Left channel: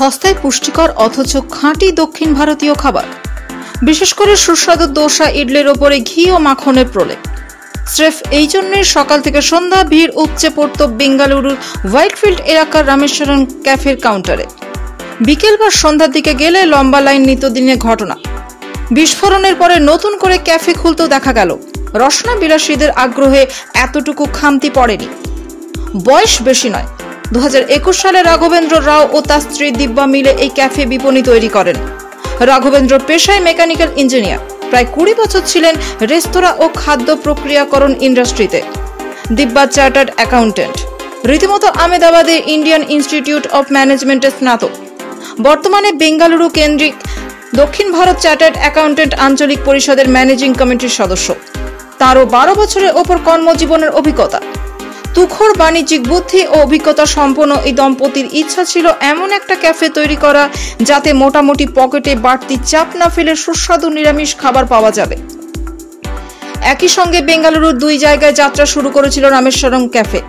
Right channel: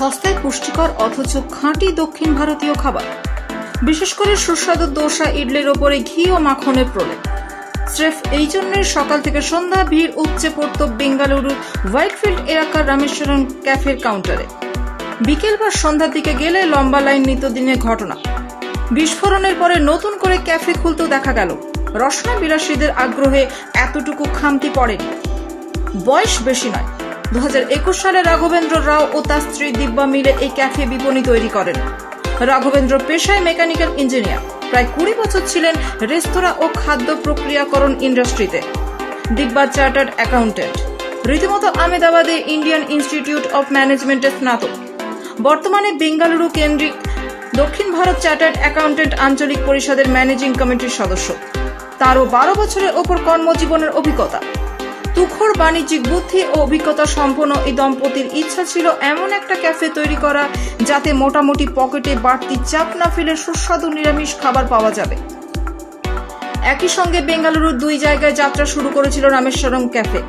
সস্তায় পুষ্টিকর অথচ খাঁটি দক্ষিণ ভারতীয় খাবার, বিশেষ করে সুস্বাদু দোসা ইডলির ওপরে ঘি ও মাখনের প্রলেপ। স্রেফ এই জন্যই সকাল থেকে সন্ধ্যা ভিড় উপচে পড়ত বেঙ্গালুরুর হোয়াইটফিল্ড এলাকার রামেশ্বরম ক্যাফের কাউন্টারে। বিকেল বা সন্ধ্যার দিকে গেলে লম্বা লাইন নিত্যদিনের ঘটনা। বিস্ফোরণের পরে নতুন করে ক্যাফে খুলতেও দেখা গেল রসনা বিলাসীদের আগ্রহে এতটুকু খামতি পড়েনি। বয়স বেশি নয়, 2021 সালে রাঘবেন্দ্র রাও ও তার স্ত্রী দিব্যা মিলে এই ক্যাফে বিপণী তৈরি করেন। রাঘবেন্দ্র পেশায় মেকানিক্যাল ইঞ্জিনিয়ার, প্রায় 20 বছর ছিলেন রেস্তোরাঁ ও খাদ্য প্রক্রিয়াকরণ ইন্ডাস্ট্রিতে। দিব্যা চার্টার্ড অ্যাকাউন্টেন্ট, রীতিমতো আহমেদাবাদে ইন্ডিয়ান ইনস্টিটিউট অফ ম্যানেজমেন্টের স্নাতক। বর্তমানে বেঙ্গালুরু কেন্দ্রিক দক্ষিণ ভারত চার্টার্ড অ্যাকাউন্টেন্ট আঞ্চলিক পরিষদের ম্যানেজিং কমিটির সদস্য। তারও 12 বছরের ওপর কর্মজীবনের অভিজ্ঞতা। তুখোড় বাণিজ্যিক বুদ্ধি ও অভিজ্ঞতা সম্পন্ন এই দম্পতির ইচ্ছা ছিল এমন একটা ক্যাফে তৈরি করা যাতে মোটামুটি পকেটে বাড়তি চাপ না ফেলে সুস্বাদু নিরামিষ খাবার পাওয়া যাবে। একই সঙ্গে বেঙ্গালুরুর 2 জায়গায় যাত্রা শুরু করেছিল রামেশ্বরম ক্যাফে।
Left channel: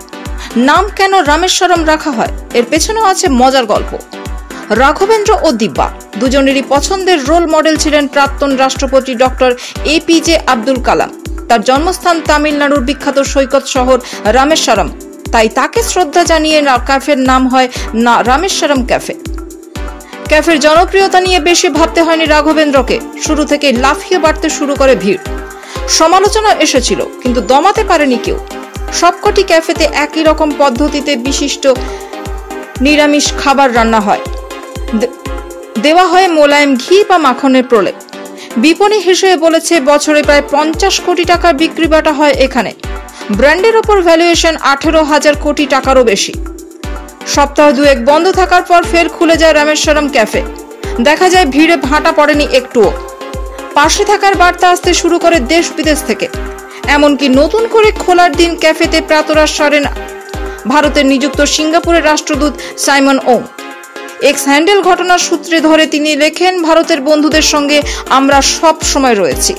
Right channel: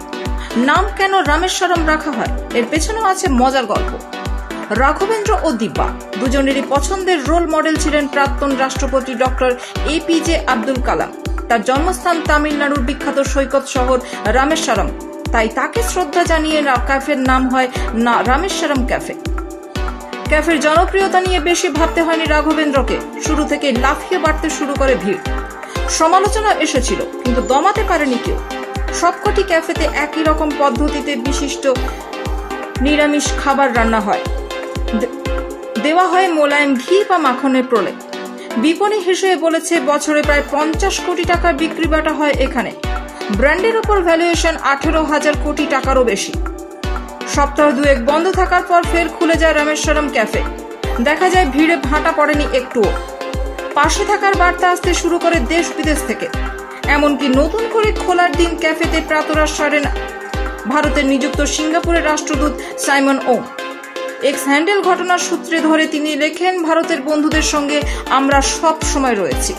নাম কেন রামেশ্বরম রাখা হয়, এর পেছনেও আছে মজার গল্প। রাঘবেন্দ্র ও দিব্যা দুজনেরই পছন্দের রোল মডেল ছিলেন প্রাক্তন রাষ্ট্রপতি ডক্টর APJ আব্দুল কালাম। তার জন্মস্থান তামিলনাড়ুর বিখ্যাত সৈকত শহর রামেশ্বরম, তাই তাকে শ্রদ্ধা জানিয়ে ক্যাফের নাম হয় রামেশ্বরম ক্যাফে। ক্যাফের জনপ্রিয়তা নিয়ে বেশি ভাবতে হয়নি রাঘবেন্দ্রকে। শুরু থেকে লাফিয়ে বাড়তে শুরু করে ভিড়। সমালোচনা এসেছিল, কিন্তু দমাতে পারেনি কেউ। সবকটি ক্যাফেতে একই রকম পদ্ধতিতে বিশিষ্ট নিরামিষ খাবার রান্না হয়, দেওয়া হয় মোলায়েম ঘি বা মাখনের প্রলেপ। বিপণী হিসেবে বলেছে বছরে প্রায় 50 কোটি টাকার বিক্রি বাটা হয় এখানে। ব্র্যান্ডের ওপর ভ্যালুয়েশন 18,000 কোটি টাকারও বেশি। সপ্তাহ 2 বন্ধ থাকার পর ফের খুলে যায় রামেশ্বরম ক্যাফে। দেখা যায় ভিড়ে ভাটা পড়েনি একটুও। পাশে থাকার বার্তা আসতে শুরু করে দেশ বিদেশ থেকে। এমনকি নতুন করে খোলার দিন ক্যাফেতে প্রাতরাশ সারেন ভারতের নিযুক্ত সিঙ্গাপুরের রাষ্ট্রদূত সাইমন ওং। এক্স হ্যান্ডেল ঘটনার সূত্রে ধরে তিনি লেখেন, ভারতের বন্ধুদের সঙ্গে আমরা সব সময় রয়েছি।